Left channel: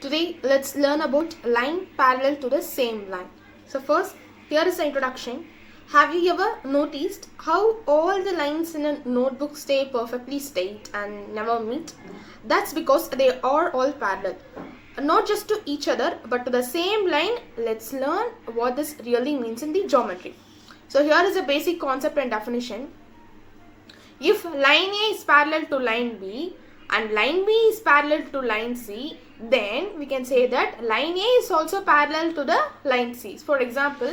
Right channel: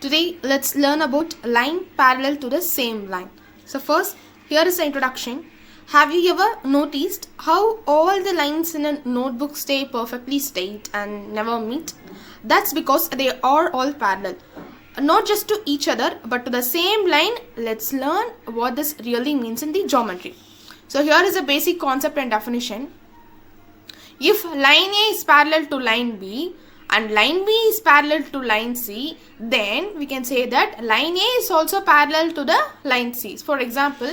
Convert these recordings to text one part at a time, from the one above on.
Today let's learn about line parallel to the same line. So first, here is the introduction. Have you ever noticed how all the lines in a notebook stay perfectly straight and never meet? That's because they are all parallel. Not just to each other but to the same line. Let's learn what this really means in the geometry. So here is a basic concept and definition. If line A is parallel to line B and line B is parallel to line C, then we can say that line A is also parallel to the line C. For example,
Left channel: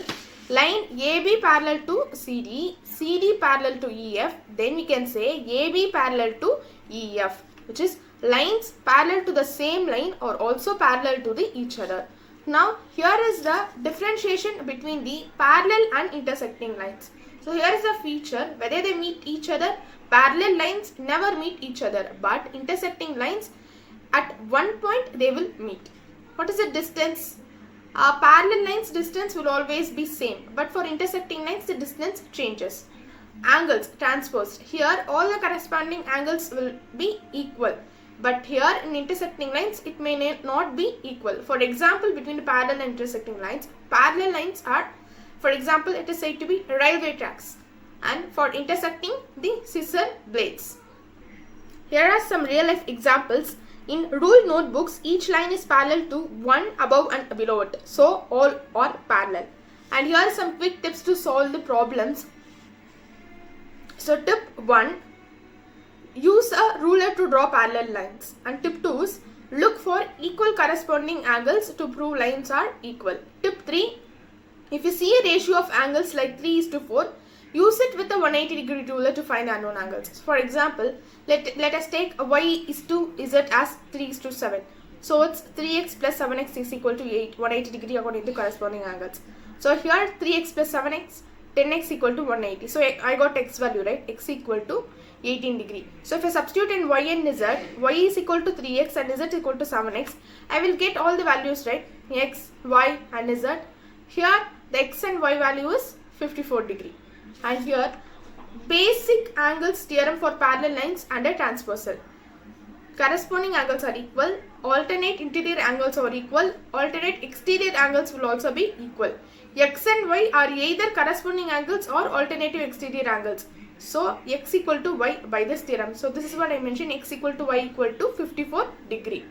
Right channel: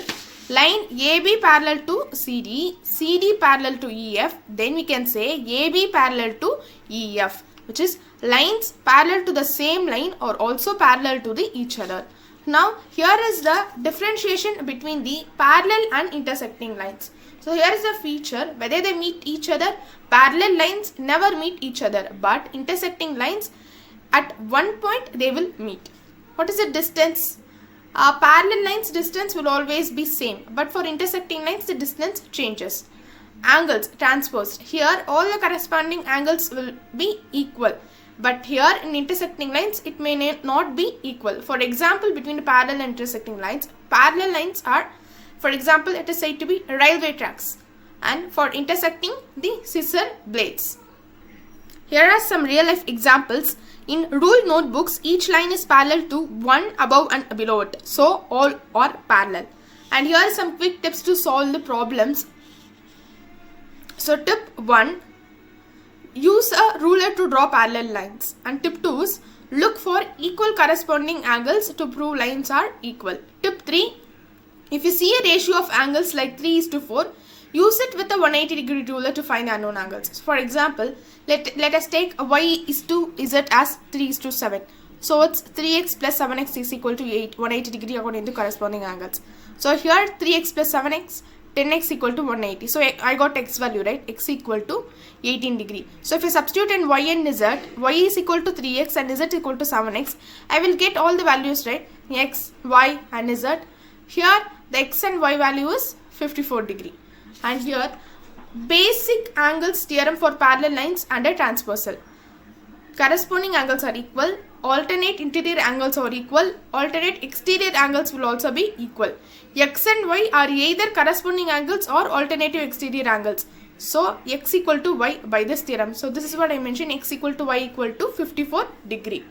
line AB parallel to CD, CD parallel to EF, then we can say AB parallel to EF, which is lines parallel to the same line or also parallel to each other. Now here is the differentiation between the parallel and intersecting lines. So here is the feature, whether they meet each other. Parallel lines never meet each other, but intersecting lines at one point they will meet. What is the distance? Parallel lines distance will always be same, but for intersecting lines the distance changes. Angles transposed. Here all the corresponding angles will be equal, but here in intersecting lines it may not be equal. For example, between the parallel and intersecting lines, parallel lines are, for example, it is said to be railway tracks, and for intersecting the scissor blades. Here are some real life examples. In ruled notebooks, each line is parallel to one above and below it, so all are parallel. And here are some quick tips to solve the problems. So tip 1, use a ruler to draw parallel lines, and tip 2 is look for equal corresponding angles to prove lines are equal. Tip 3, if you see a ratio of angles like 3:4, use it with a 180-degree ruler to find unknown angles. For example, let us take y is to z as 3:7. So it's 3x plus 7x is equal to 8, 180 degree according to corresponding angles. So here 3x plus 7x, 10x equal to 180. So I got x value, right? X equal to 18 degree. So if I substitute in y and z, y is equal to 3x and z equal to 7x, I will get all the values, right? X, y and z. Here the x and y value is 54 degree. And here basic angles theorem for parallel lines and a transversal. Corresponding angles are equal, alternate interior angles are equal, alternate exterior angles will also be equal. X and y are either corresponding angles or alternative exterior angles. So x equal to y by this theorem. So this is what I mentioned, x equal to y equal to 54 degree.